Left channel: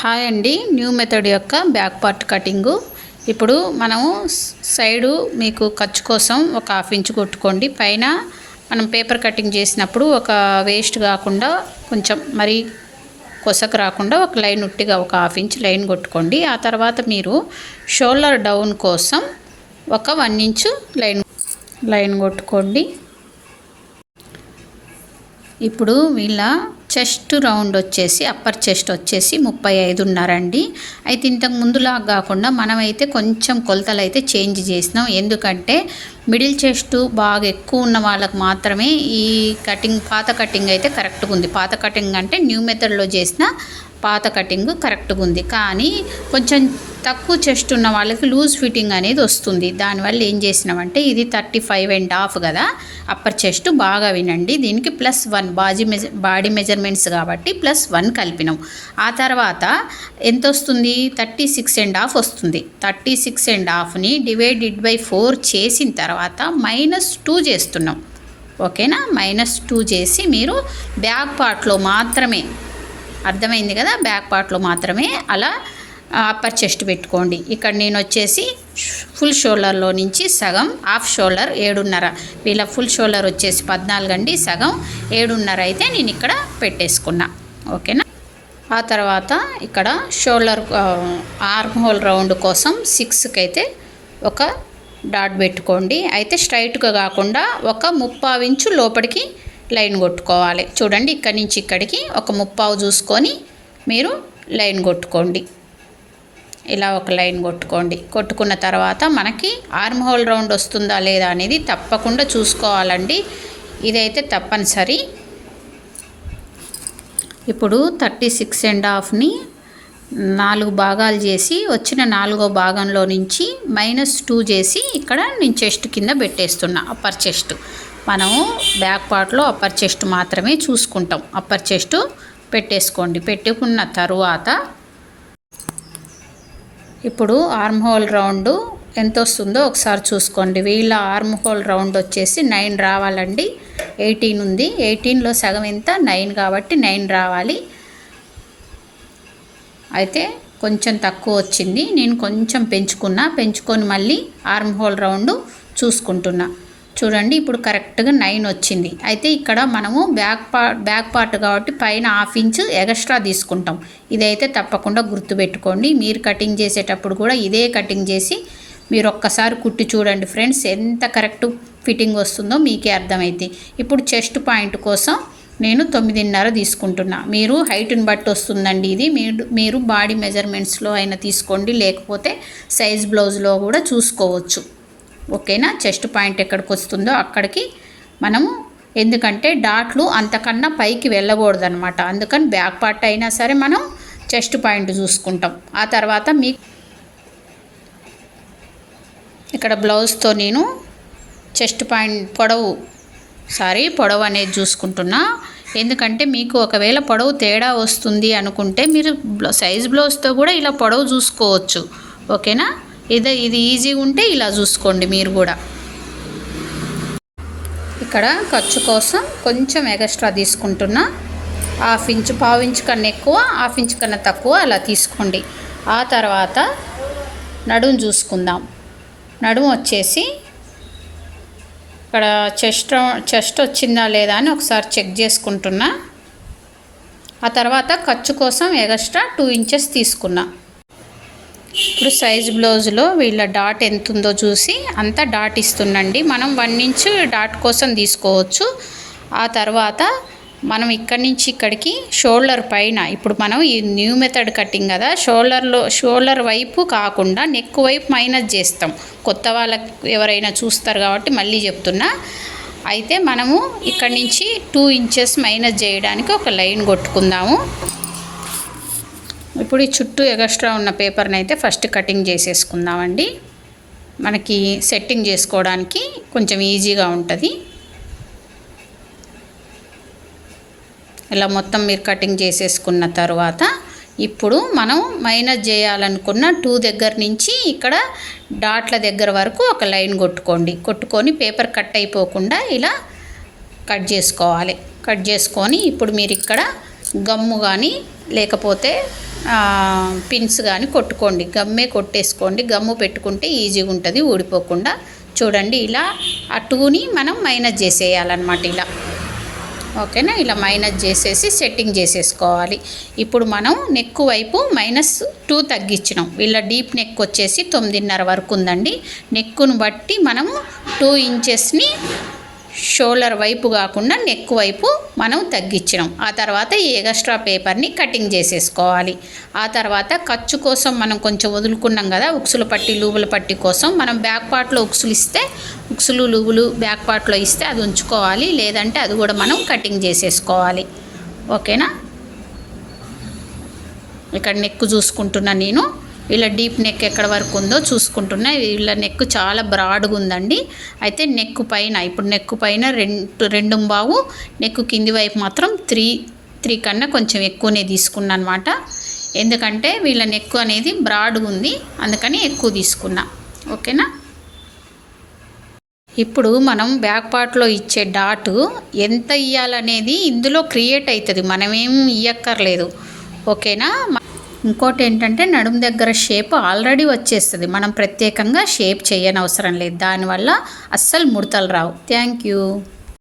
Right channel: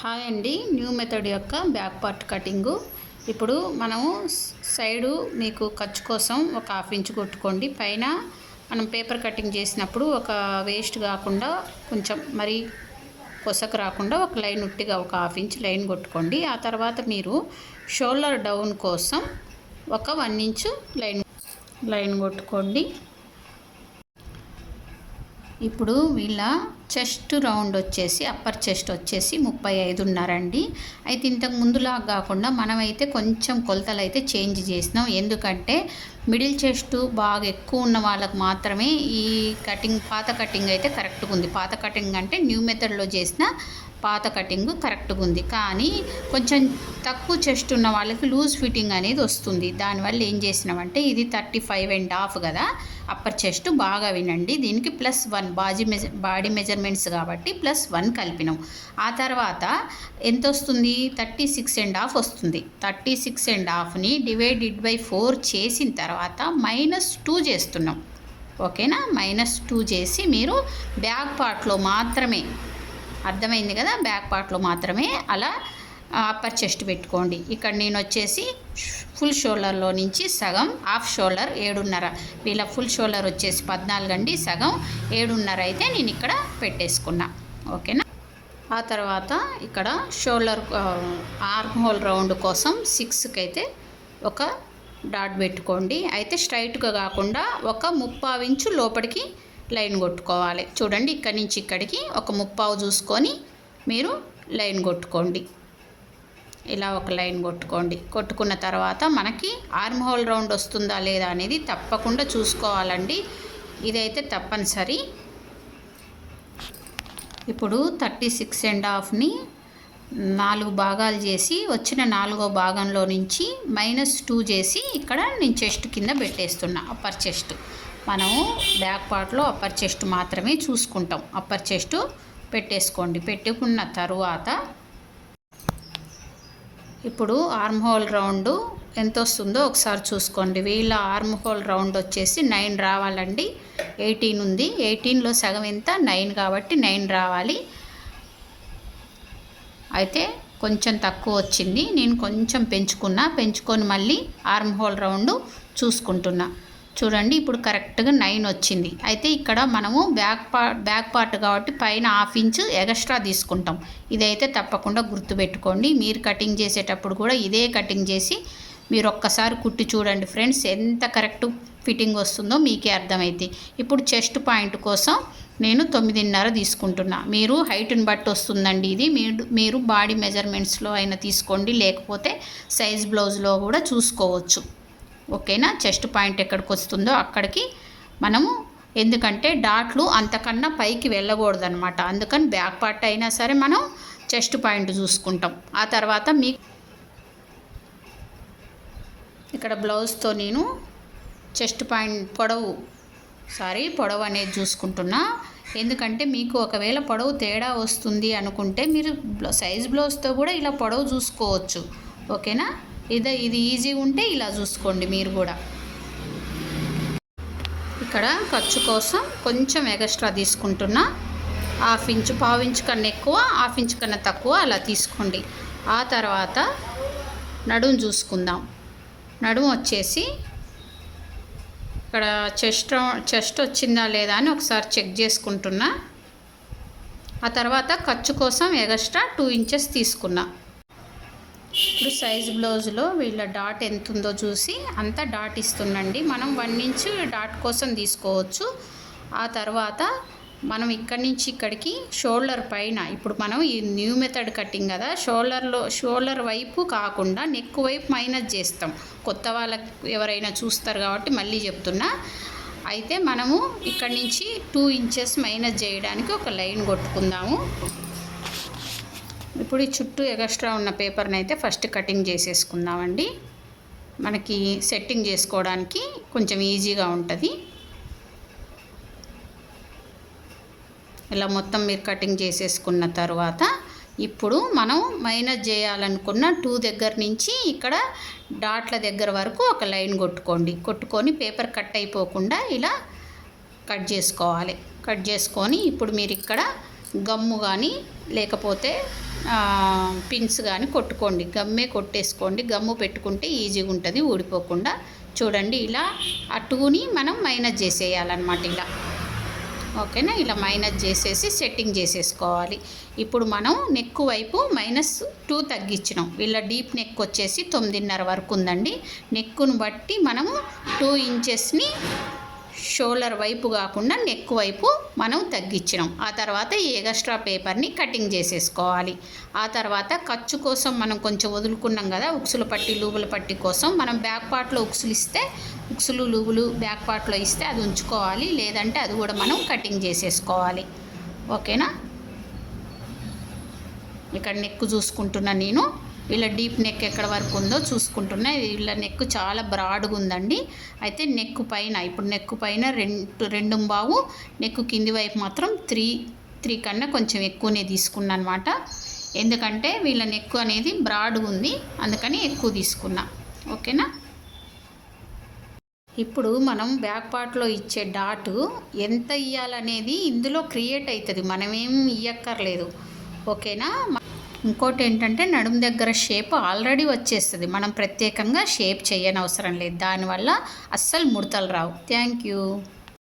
Hi అండి. New method యొక్క back part cutting. ఇప్పుడు మనము సైడు మీకు ఖర్చు కోసం ఒక హాఫ్ ఇంచ్ కొట్టుకోండి. పైన మనం పేపర్ కటింగ్ చేసినప్పుడు ఒక వేస్ట్ కాకుండా కొంచెం మరీ కొసకు రాకుండా ఒక లైన్ ఉట్టిగా ఒక హాఫ్ ఇంచ్ లైన్ కొట్టుకోండి. ఆ తర్వాత మీరు షోల్డర్ డౌన్ కోసం ఒక వన్ ఇంచు లైన్ లైన్ కొట్టుకోండి. ఇప్పుడు వీళ్ళ చెస్ట్ రౌండ్ వచ్చేసి అప్పర్ చెస్ట్ వచ్చేసి ముప్పై ఐదున్నరండి. అయితే ఇంతకు ముందులాగా కాకుండా మనమైతే కొంచెం కొలతలు అయితే చేంజ్ చేసినాం. ఎందుకంటే మిడిల్ చెస్ట్ బాగా ఎక్కువ ఉన్న వాళ్ళకి మాత్రమే ఈ కటింగ్ పాత కటింగ్ అయితే కరెక్ట్గా ఉంది. పాత కటింగ్ అంటే న్యూ మెథడ్లో చేసిన పాత కటింగ్ కరెక్ట్గా ఉంది. కానీ కొంచెం తక్కువ చెస్ట్ ఉన్న వాళ్ళకి లూజ్ ఫిట్టింగ్ అనేది వస్తుంది. దానివల్ల ఏం చేసినామంటే ఇది థర్టీ ఫైవ్ అండ్ హాఫ్ కదా. అప్పర్ చెస్ట్ బాగా వినండి. దీనికి ప్లస్ వన్ బాజీ మెజ బాడీ మెజర్మెంట్స్ కాబట్టి ప్లస్ వన్ కలిపినాం. ఆ తర్వాత ఎంత వస్తుంది? థర్టీ సిక్స్ అండ్ హాఫ్ వస్తుంది. థర్టీ సిక్స్ అండ్ హాఫ్ని డివైడెడ్ బై ఫోర్ చేసిన తర్వాత మైనస్ టూ చేస్తున్నాం. ఓకేనా? మైనస్ టూ చేసి మీరు బ్యాక్ పార్ట్లో మాత్రమే అర్థమైంది కదా? బ్యాక్ పార్ట్లో మాత్రమే అలా అప్పర్ చెస్ట్ పెట్టుకోండి. ఇక్కడ నేను వచ్చేసి ఫుల్ షోల్డర్లో నుంచి సగం హాఫ్ షోల్డర్ ఏడున్నర. వీళ్ళ ఫుల్ షోల్డర్ వచ్చేసి పద్నాలుగు అండి సగం ఏడున్నర అయితే నేను ఇక్కడ పెట్టేసుకున్నా. ఓకేనా? ఆ తర్వాత ఇక్కడ షోల్డర్ ఆర్మ్ హోల్ రౌండ్ కోసం సిక్స్కి అయితే ఒక డాట్ పెట్టుకోండి. అయితే స్ట్రైట్గా కాకుండా ఒక ముప్పావు ఇంచు లోపలికి లైన్ కొట్టుకోవాలి. చూడండి ఇక్కడి నుంచి ఇక్కడికి ఒక ముప్పావు చూసుకొని మీరు లైన్ కొట్టుకోండి. ఇలా ఒక లైన్ కొట్టుకోండి. కొట్టుకున్న తర్వాత మనకి ఆర్మ్ హోల్ రౌండ్ వస్తుందా లేదా అనేది తప్పకుండా చూసుకోవాలండి. ఇదైతే తప్పనిసరి. ఇప్పుడు థర్టీ సిక్స్ అండ్ హాఫ్ని నాలుగు భాగాలు చేసి వచ్చిన నాలుగో భాగంలో నుంచి మైనస్ టూ చేసి ఇక్కడ నేను చెస్ట్ కింద పెట్టేస్తున్నా అప్పర్ చెస్ట్. మనము బ్యాక్ పార్ట్లో అప్పర్ చెస్ట్ మాత్రమే చూసుకుంటాం. అప్పర్ చెస్ట్ పెట్టేసుకోండి. పెట్టుకున్న తరువాత ఇప్పుడు ఆర్మ్ హోల్ రౌండ్ ఎంత వస్తుందో ఒకసారి చూసుకోండి. వీళ్ళ ఆర్మ్ హోల్ రౌండ్ వచ్చేసి నైన్ రావాలండి. ఎయిటీన్ ఉంది. ఎయిటీన్లో సగం ఎంత? నైన్ కాబట్టి నైన్ రావాలి. అయితే కొంచెం తక్కువ వచ్చింది. నేను కొంచెం పెంచుకున్నా. పెంచుకొని మళ్ళీ ఆర్మ్ హోల్ రౌండ్ చూసుకుంటున్నా. చూడండి ఇప్పుడు కరెక్ట్గా నైన్ వచ్చింది. అయితే ఇక్కడ మనము బ్యాక్ పార్ట్ బ్యాక్ పార్ట్ కాబట్టి పైన హాఫ్ ఇంచ్ ఎక్స్ట్రా తీసుకుంటాం. ఇదైతే తప్పకుండా గుర్తుపెట్టుకోండి. మీరు కటింగ్ చేసేటప్పుడు కూడా ఇదే కటింగ్ చేసి మీరు ఒక్కసారి కుట్టి చూడండి ఫ్రెండ్స్ ఎంత కరెక్ట్ ఫిట్టింగ్ వస్తుందో మీకే అర్థమైంది ఇప్పుడు చెస్ట్ పాయింట్ కోసం నేను తొమ్మిదిన్నర తీసుకుంటున్నా. మీరు హైట్ని బట్టి వస్తుందండి ఇది. మీరు మీరు బాడీ మెజర్మెంట్స్లో అయినా తీసుకోండి లేకపోతే సైజ్ బ్లౌజ్లో కూడా చూసుకోవచ్చు. ఓకేనా? చెస్ట్ పాయింట్ ఎక్కడికి వస్తుందో అక్కడికి మనము ఎందుకంటే డాట్లు అంతకన్నా పైకి వెళ్ళకూడదు అనమాట అందుకని బ్యాక్ పార్ట్ అయినా సరే మనం చెస్ట్ పాయింట్ చూసుకుంటాం. ఆ తర్వాత మీ ఇక్కడ బ్లౌజ్తో నేను చెస్ట్ పాయింట్ పొడవు సారీ పొడవు అనేది చూసుకుంటున్నా. ఎందుకంటే మీకు ఒకవేళ పొడవు తేడా వస్తుంది అనుకుంటే మీరు సైజ్ బ్లౌజ్తో కూడా ఇలా పొడవు చూసుకోవచ్చు. ఓకేనా? ఇది ఇది ఈజీ ఉంటే ఇలా చూసుకోండి మీరు కూడా. ఇక్కడ ఖర్చు కోసం కొంచెం ఎక్స్ట్రా తీసుకుంటున్నా. హాఫ్ ఇంచ్ పావు ఇంచ్ కన్నా ఎక్కువ హాఫ్ ఇంచ్ కన్నా తక్కువ అలా తీసుకోండి. ఆ తర్వాత నడుము చూసుకుందాం. నడుము వచ్చేసి ఇక్కడ చెస్ట్ చెస్ట్ వచ్చిందా లేదా అని ఒకసారి చెక్ చేసుకుంటున్నా. ఆ తర్వాత ఖర్చు కోసం ఎక్స్ట్రా టూ ఇంచెస్ తీసుకున్నా. ఇప్పుడు సైజ్ బ్లౌజ్లో వీళ్ళ డాట్ ఎంత ఉందో చూసి అంతా డాట్ ఇస్తుండండి. మనం వన్ ఇంచ్ డాట్ కోసం తీసుకోవచ్చు. ఆ తర్వాత మనం ఇక్కడి నుంచి ఇక్కడికి షోల్డర్ పైన ఇప్పుడు మనం ఈ న్యూ మెథడ్ కటింగ్ కదా షోల్డర్లో షోల్డర్ వైపు కాకుండా నెక్ వైపు మైనస్ చేస్తాం. కొత్త వాళ్ళకి ఎవరైనా చూస్తారు కాబట్టి మళ్ళీ చెప్తున్నా. అయితే మనము ఇక్కడి నుంచి టూ ఇంచెస్ మైనస్ చేయడానికి ఒక లైన్ కొట్టుకుందాము. ఇప్పుడు ఈ చుట్టూ ఎగస్ట్రా ఉన్న పేపర్ని అయితే ఫస్ట్ కటింగ్ చేసేసుకుందామండి. మనకి సెట్టింగ్ చేసుకోవడానికి కొంచెం ఈజీగా ఉంటుంది. ఇలా మొత్తం మీరు కటింగ్ చేసేసుకున్న తర్వాత ఇప్పుడు మనం మైనస్ చేయాలనుకున్న టూ దగ్గర నుంచి ఇక్కడ డాట్ల దగ్గర వరకు ఒక లైన్ కొట్టుకోండి. కొట్టుకొని పేపర్ కట్ అయిపోకుండా ఇలా కట్ చేసుకోవాలి. కట్ చేసుకొని ఇప్పుడు మీరు ఇక్కడ గమ్ము కానీ లేకపోతే పిన్స్ కానీ కొట్టుకోండి. గమ్మే కొట్టేసుకోండి. గమ్ము పెట్టుకుంటే ఈజీగా ఉంటుంది ఊడిపోకుండా. చూడండి ఇలా ఆ టూని మనం మైనస్ చేసేయాలన్నమాట ఇలా. ఓకేనా? ఇలా మైనస్ చేసేసి సెట్టింగ్ చేసేసుకోవాలి. ఇప్పుడు మనం నెక్ వైపు మైనస్ టూ తగ్గించినాం. ఇలా డీప్ నెక్ వచ్చేసి తొమ్మిదిన్నర వరకు ఉందండి. నెక్కును బట్టి మనము టూ ఇంచెస్ని షోల్డర్ వైపు కాకుండా నెక్ వైపు మనం తగ్గించినాం ఆ తర్వాత ఈ ఎగస్ట్రా పేపర్ని కటింగ్ చేసేసుకోవాలి. ఆ తర్వాత ఖర్చు కోసం మనం కొంచెం వదులుకున్నాం కదా ఉక్సులు పట్టి లూబుల పట్టి కోసం మనం బ్యాక్ పార్ట్లో ఉక్సులు ఇస్తే ఉక్సులు లూబులు బ్యాక్ పార్ట్లో ఇస్తే అది ఉంచుకోవాలి. లేదంటే అది కూడా మనం కటింగ్ చేసేసుకోవాలి. ఓకేనా? ఇక్కడ నెక్ చూసుకుంటున్నా నేను. వీళ్ళ డీప్ నెక్ ఎక్కడ వరకు ఉందో చూసుకుంటున్నా. వీళ్ళ నెక్ చాలా బ్రాడ్గా ఉందండి. అయితే నెక్ పైన ఇప్పుడు నెక్ పైన రెండు రెండు బావు నెక్ కింది వైపు మాత్రం త్రీ త్రీ కన్నా కొంచెం ఎక్కువనే తీసుకున్నా అనమాట ఎందుకంటే వీళ్ళ నెక్ అనేది బ్రాడ్గా ఉంది అందుకని ఎక్కువ తీసుకున్నా. ఓకేనా? ఇప్పుడు మనం బ్యాక్ పార్ట్లో ఇచ్చే డాట్ ఎంత ఇయ్యాలనేది ఇందులో క్రియేట్ అవుతుంది మనమేం ఇయ్యక్కర్లేదు. ఓకేనా? ఇంకోటి ఏంటంటే నడుము దగ్గర షేప్ ఆల్రెడీ వచ్చేస్తుంది. మనం ప్రత్యేకంగా షేప్ చేయనవసరం లేదు. దానివల్ల అస్సలు ముడతలు రావు. Thank you.